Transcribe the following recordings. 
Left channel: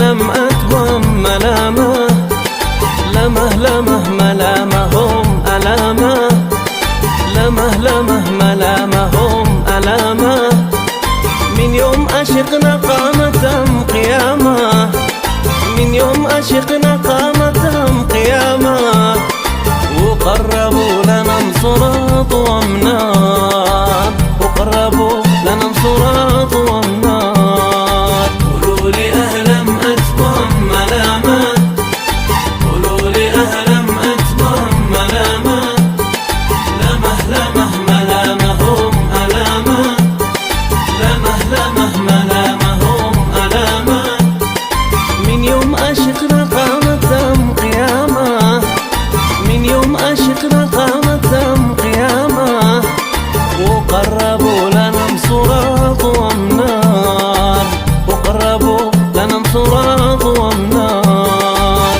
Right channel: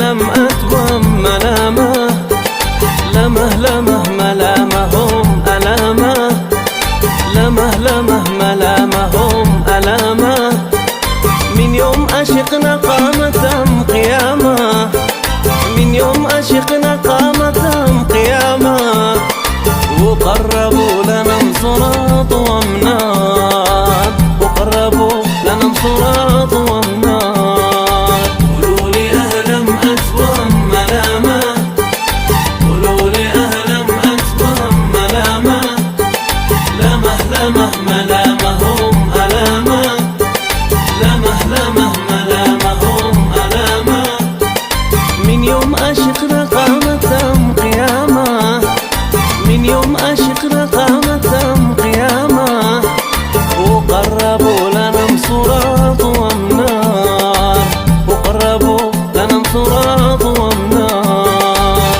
لم أتوم ملامه، لمه ملامهم ألامه، لمه ملامهم ألامه. من يوم أشقنا قامتهم قيامه، من يوم أشقنا قامتهم قيامه. وقربوا لنا صراط ومنار، وقربوا لنا صراط ومنار. قولوا لي أهلم أتوم ملامه، قولوا لي أهلم أتوم ملامه، لمه ملامهم ألامه، لمه ملامهم ألامه. من يوم أشقنا قامتهم قيامه، من يوم أشقنا قامتهم قيامه. وقربوا لنا صراط ومنار، وقربوا لنا صراط ومنار.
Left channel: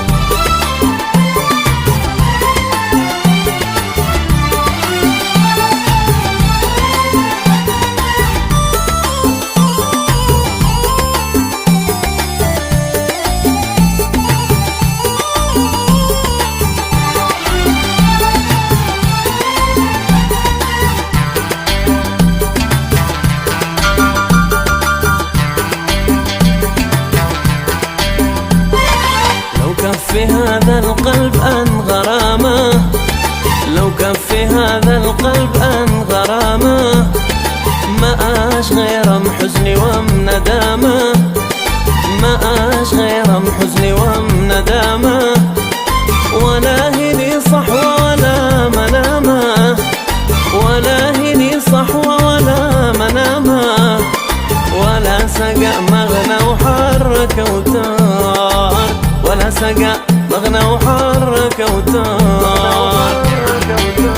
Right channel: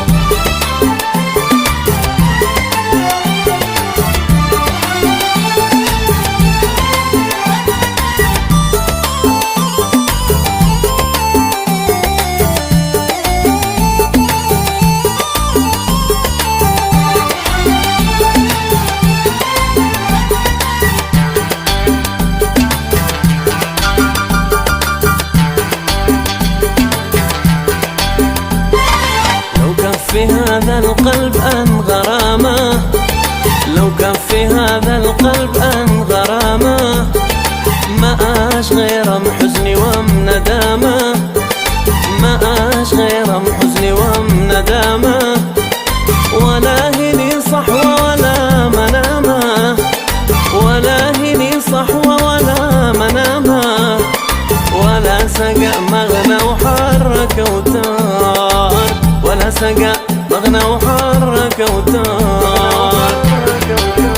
في هذا القلب أن غرامه، لو كان في هذا القلب أن غرامه. ما أش غير حزني ومندامه، ما أش غير حزني ومندامه. ولا هني صحوة ولا منامه، ولا هني صحوة ولا منامه. ولا سقى مغنى وحرك وتار، ولا سقى مغنى وحرك وتار.